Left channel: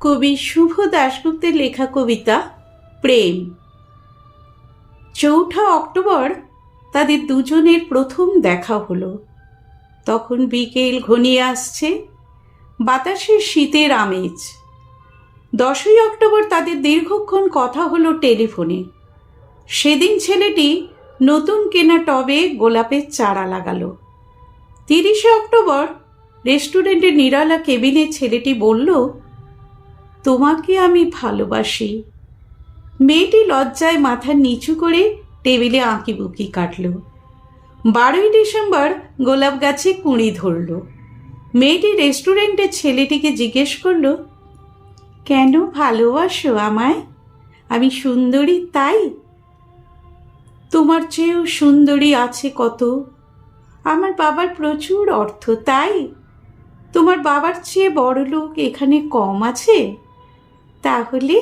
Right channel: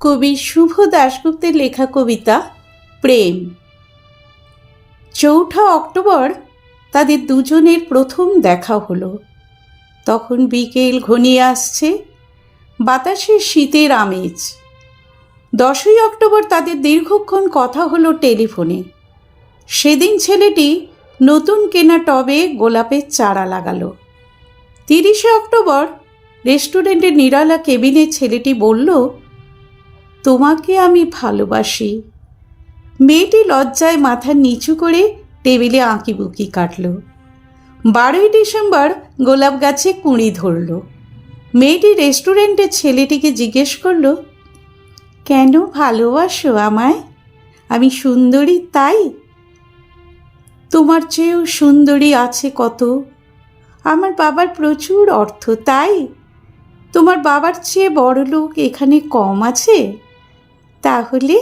কবি শুভ দাশগুপ্তের লেখা কবিতা প্রেম। 4 অক্টোবর তাদের দুজনের প্রথম দেখা হলো। তখন বিকেল ঘনিয়ে আসছে, বাতাসে শীতের আমেজ। 10 অক্টোবর তাদের দীর্ঘক্ষণ কথা হলো টেলিফোনে। সেদিন ছেলেটি নতুন কেনা টবে গোলাপের চারা লাগালো। 30 অক্টোবর রেস্টুরেন্টের নিরালা কেবিনে ছেলেটি বলল, তোমাকে আমি ভালোবাসি। মেয়েটি লজ্জায় মাথা নিচু করে টেবিলে আঁকিবুকি কাটল। 12 ডিসেম্বর গোলাপ গাছে কুঁড়ি ধরল। মেয়েটি রেস্টুরেন্টে ছেলেটিকে জিজ্ঞেস করল, কেন ভালোবাসো আমায়? আমি সুন্দরী তাই? তোমার চেয়েও সুন্দরী আছে কত। আমার বাবার প্রচুর অর্থ তাই? তোমার বাবার চেয়ে বড় লোক এখানে কম আছে? তাহলে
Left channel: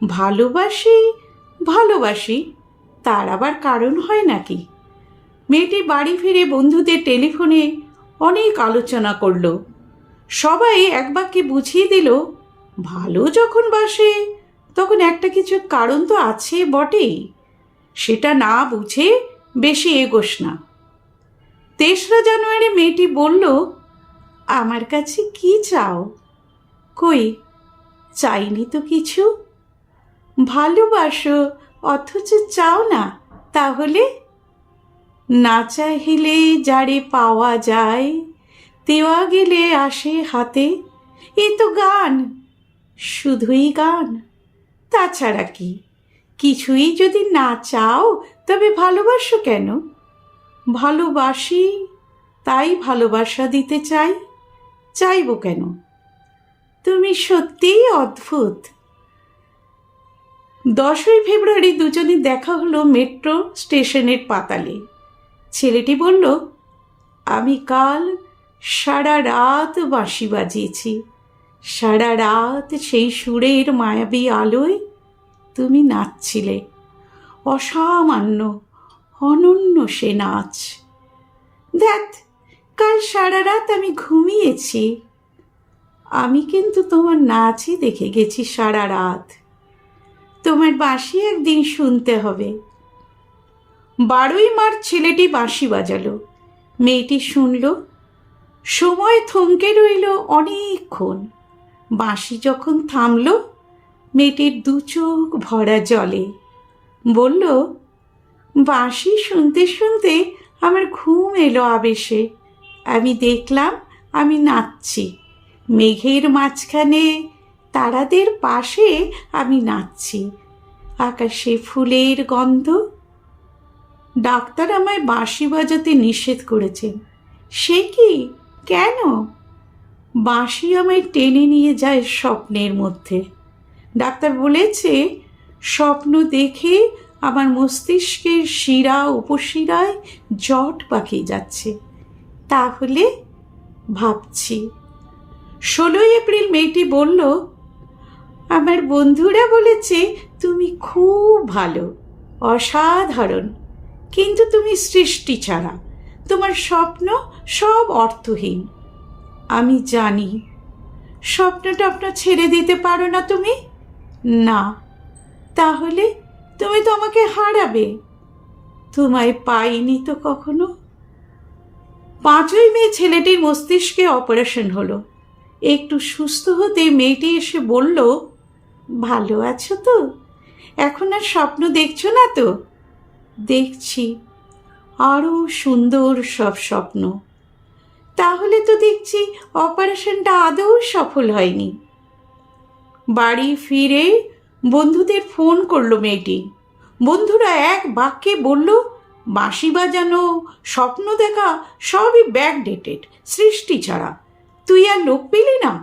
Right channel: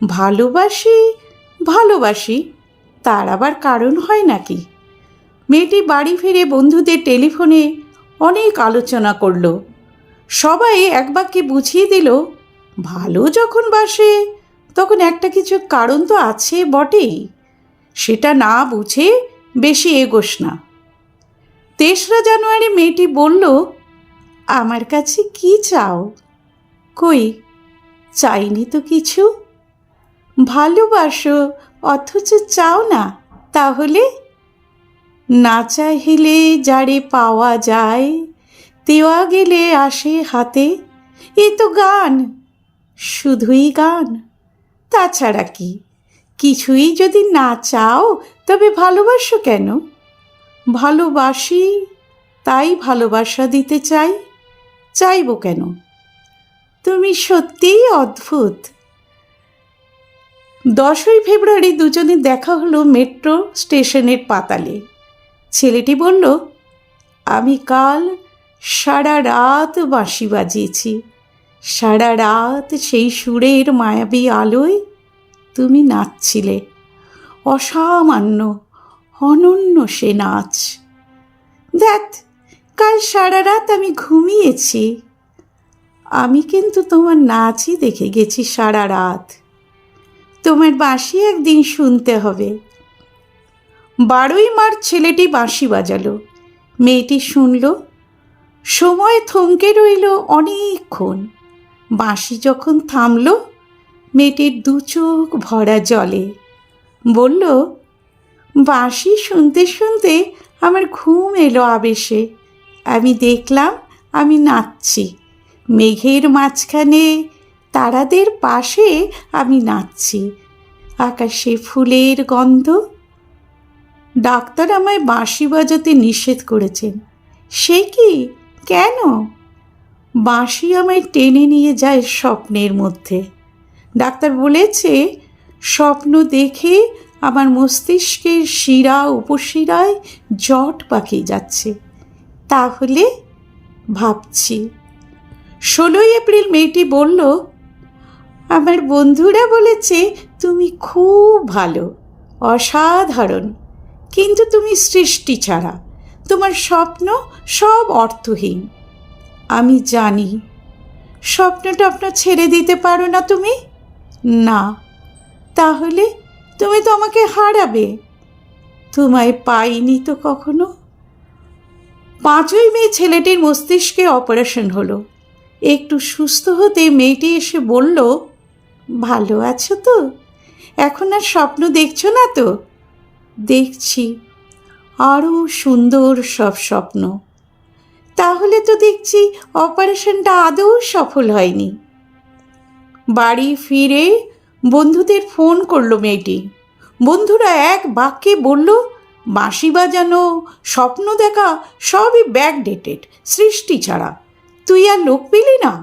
ভালোবাসি ভালোবাসি তার আবার কারণ হয় নাকি? মেয়েটি বাড়ি ফিরে বন্ধুদের টেলিফোনে অনেক আলোচনা করল। সবাই এক বাক্যে বুঝিয়ে দিল, ভালো যখন বাসে তখন একটা কিছু কারণ তো আছে বটেই, সেটা না বুঝে বেশি এগোস না। 3 জানুয়ারি মেয়েটি বলল, আমার কাছে কি চাও? কই, চাইনি তো কিছু। ভালোবাসো অথচ চাও না, তাহলে? না চাহিলে যারে পাওয়া যায়, দেওয়া গেলে আসে হাতে। এ তো গান, শুধুই গান, তাছাড়া কি? কিছুই যদি না চাও তবে ভালোবাসো কেন? ভালোবাসি তাই ভালোবাসা দিতে চাই, চাইব কেন? তুমি সত্যিই অদ্ভুত। 10 ফেব্রুয়ারি দুজনের দেখা হলো মেট্রো স্টেশনের পাতালে। ছেলেটি বলল, আমি কাল সারা রাত বাঁশি বাজিয়েছি। সারা রাত সেই সুরের মায়াবী আলোয় তুমি নাচছিলে। অসামান্য অনন্য সে নাচ। দেখ, কাল সারা রাত আমি ঘুমিয়েছি। আমি কিন্তু তোমার নাচই দেখে গেছি সারা রাত। তোমার বাঁশি একদিন শুনতে হবে। 12 মার্চ ছেলেটি বাঁশি বাজালো। মেয়েটি শুনল। সময় থমকে রইল অনেকক্ষণ। বাঁশি যখন থামল, মেয়েটির 2 চোখ ভরা জলে। বলল, বাঁশি শুনতে শুনতে আমার ঘুম এলো আবেশে। আমি দেখলাম আমি নাচছি। মেঘের মাঝখানে তারাদের পাশে আমি নাচছি। আকাশে ফুলের গন্ধ। ডাক্তার আমায় বাঁশি বাজাতে নিষেধ করেছেন। সে কি? কেন? বাঁশি আমায় টেনে নিয়ে যায় স্বপ্নের মধ্যে। ডাক্তার বলেছে, স্বপ্ন দেখে আমার মস্তিষ্কের শিরা উপশিরায় জট পাকিয়ে যাচ্ছে। তাহলে ভাবছি। 16 এপ্রিল মেয়েটি বলল, আমার বন্ধুরা বলেছে তুমি খুব ভালো, অসাধারণ, কিন্তু তুমি সৃষ্টি ছাড়া। তোমার স্বপ্ন সব অর্থহীন। আমি জানি। স্বপ্ন টপ্ন ছেড়ে দিতে পারো না তুমি? না। তাহলে তুমি তো আমাকে হারাবে। তোমায় পাইনি তো কখনো। 5 মে ছেলেটির মস্তিষ্কে অপারেশন হলো। একটু সুস্থ হতে মেয়েটি এসে বলল, ভালো আছো তো? এখন আর স্বপ্ন দেখছো না তো? দেখছি, আরও সুন্দর সব স্বপ্ন। তাহলে তো দেখছি অপারেশনটা আদৌ সফল হয়নি। বাড়ি ফিরে বন্ধুদের ফোন করলো মেয়েটি। বন্ধুরা এক বাক্যে বলল, বাঁশি বাজানো, স্বপ্ন দেখা সবই ব্যাকডেটেড, সৃষ্টি ছাড়া। তুই আর লোক পেলি না?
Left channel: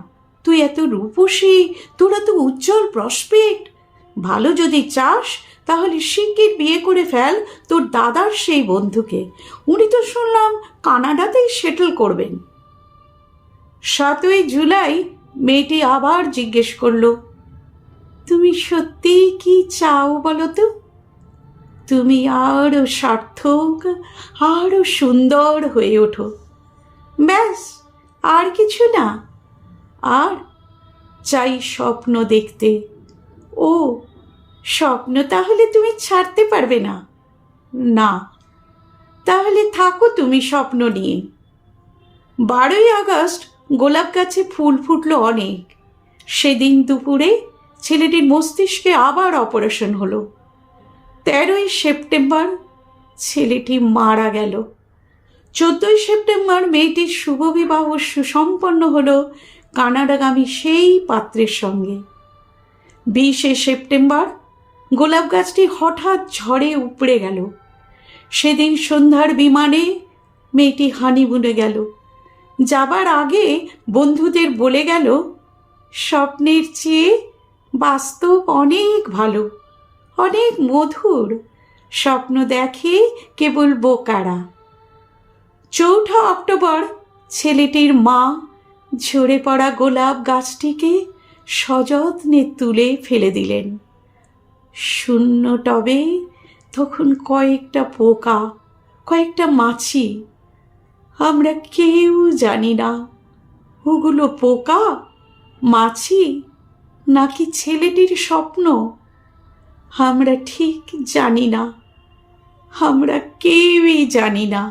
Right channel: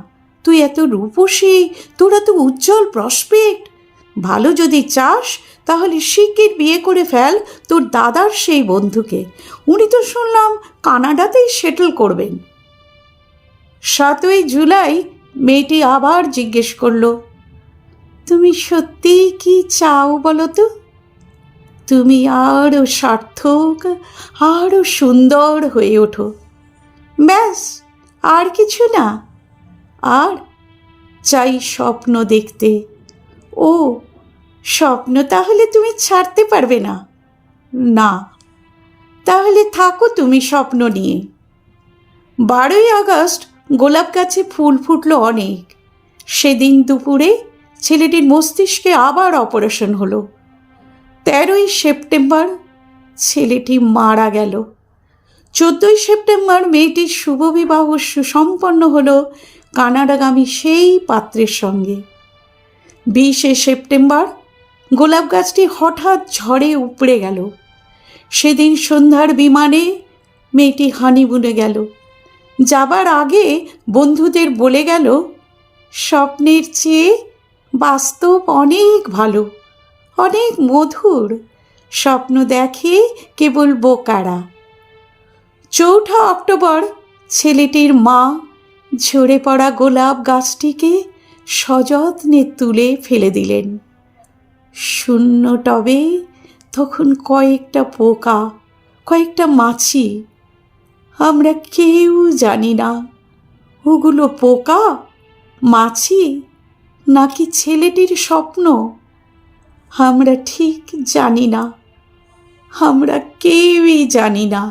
তুই এত রূপসী, তোর এত উজ্জ্বল প্রসপেক্ট। ভালো যদি চাস তাহলে শিগগির বিয়ে করে ফেল তোর দাদার সেই বন্ধুকে। উনি তো শুনলাম কানাডাতেই সেটেল করবেন। 7 জুলাই মেয়েটি আবার জিজ্ঞেস করলো, তুমি সত্যি কি চাও বলো তো? তুমি আরও সার্থক, আরও সুন্দর হয়ে ওঠো। ব্যাস, আর কিছু না। আর চাই স্বপ্ন দেখতে। ও, স্বপ্ন তাহলে তুমি ছাড়তে পারবে না? না। তাহলে থাকো তুমি স্বপ্ন নিয়ে। 12ই আগস্ট গোলাপ গাছে ফুল ফুটল অনেক। সেদিন দুপুরে ছেলেটির মস্তিষ্কে আবার অপারেশন হলো। 13ই সেপ্টেম্বর ছেলেটি মারা গেল। 14ই সেপ্টেম্বর মেয়েটির শুভ বিবাহ সুসম্পন্ন হলো কানাডাগামী সেই পাত্রের সঙ্গে। 20শে সেপ্টেম্বর গোলাপ গাছটি হঠাৎ ঝড়ে উপড়ে গেল। সেদিন সন্ধ্যার বিমানে মেয়েটি হানিমুনে গেল। যাবার আগে বন্ধুদের বলে গেল, স্বপ্নের চেয়ে বাস্তব অনেক ভালো, অনেক মধুর। স্বপ্ন দেখে কেবল বোকারা। 4ঠা অক্টোবর ছেলেটির মা ঝরে পড়া গোলাপ গাছটিকে সযত্নে তুলে ফেলে দিলেন। শূন্য টবে তখন কয়েকটা পোকা, কয়েকটা মাছি। আমরা কেউ জানি না ওগুলো পোকা, মাছি নাকি ছেলেটির স্বপ্ন। আমরা ঠিক জানি না, আমরা কেউই জানি না।